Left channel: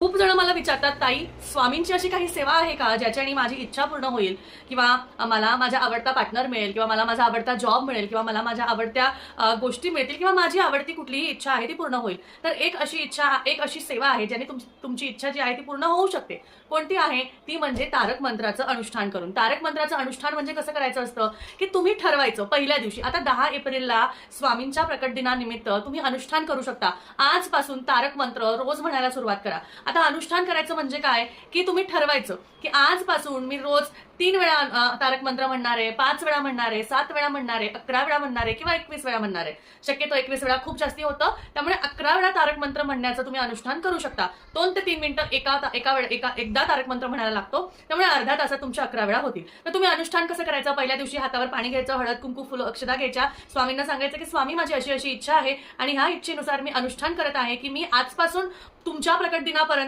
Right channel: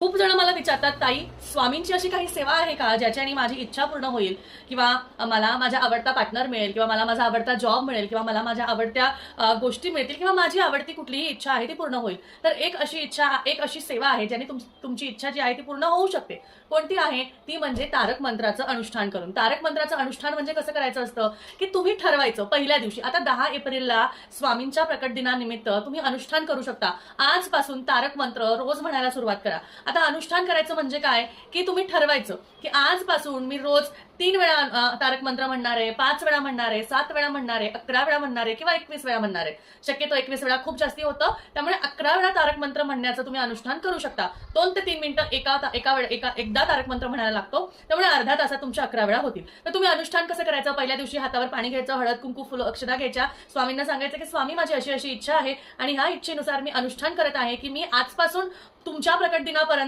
खूप जण मला विचारतात, ताई स्वामींची अशी काही सेवा आहे का ज्याच्याने माझी इच्छा पूर्ण होईल, किंवा मला माझ्या आवडता पार्टनर मिळेल, किंवा मला माझा आवडता जॉब मिळेल, किंवा मला माझ्या आवडत्या गोष्टी मिळतील, किंवा माझी आवडती कुठलीही इच्छा आहे ती पूर्ण होईल. तर एक अशी सेवा आहे ज्याने तुमची इच्छा जी आहे ती पूर्ण होऊ शकते. कोणती आहे ती? म्हणजे तारक मंत्राचं अनुष्ठान करून. तारक मंत्राचं अनुष्ठान म्हणजे कसं करायचं असतं की तुम्ही ठरवायचं पहिल्या दिवशी. आता 10 एप्रिलला स्वामींच्या प्रकट दिनानिमित्त तुम्ही अनुष्ठान करू शकता. आजपासून तारक मंत्र रोज म्हणायला सुरुवात करा. आता अनुष्ठान करायचं म्हणजे काय की तुम्ही ठरवायचं की आजपासून मी रोज 3 वेळा तारक मंत्र म्हणणार आहे, 5 वेळा म्हणणार आहे, 7 वेळा म्हणणार आहे, 11 वेळा म्हणणार आहे, किंवा 21 वेळा म्हणणार आहे. शक्यतो 21 वेळा खूप जास्ती होतं, त्यामुळे 11 वेळा तारक मंत्र म्हणण्याचं तुम्ही अनुष्ठान करू शकता. 2 ते 3 मिनिटं एकदा तारक मंत्र म्हणायला लागतो, त्यामुळे अर्धा तासात तुमच्या 11 वेळा होतील. तर तुम्ही अनुष्ठान कसं करायचं? पहिल्या दिवशी हातावर पाणी घ्यायचं, हळद कुंकू फुलं अक्षता घ्यायच्या, स्वामींना सांगायचं की स्वामी माझी अशी अशी इच्छा आहे आणि ह्या इच्छेनुसार मी अनुष्ठान करत आहे की मी आजपासून तुमच्या प्रकट दिनापर्यंत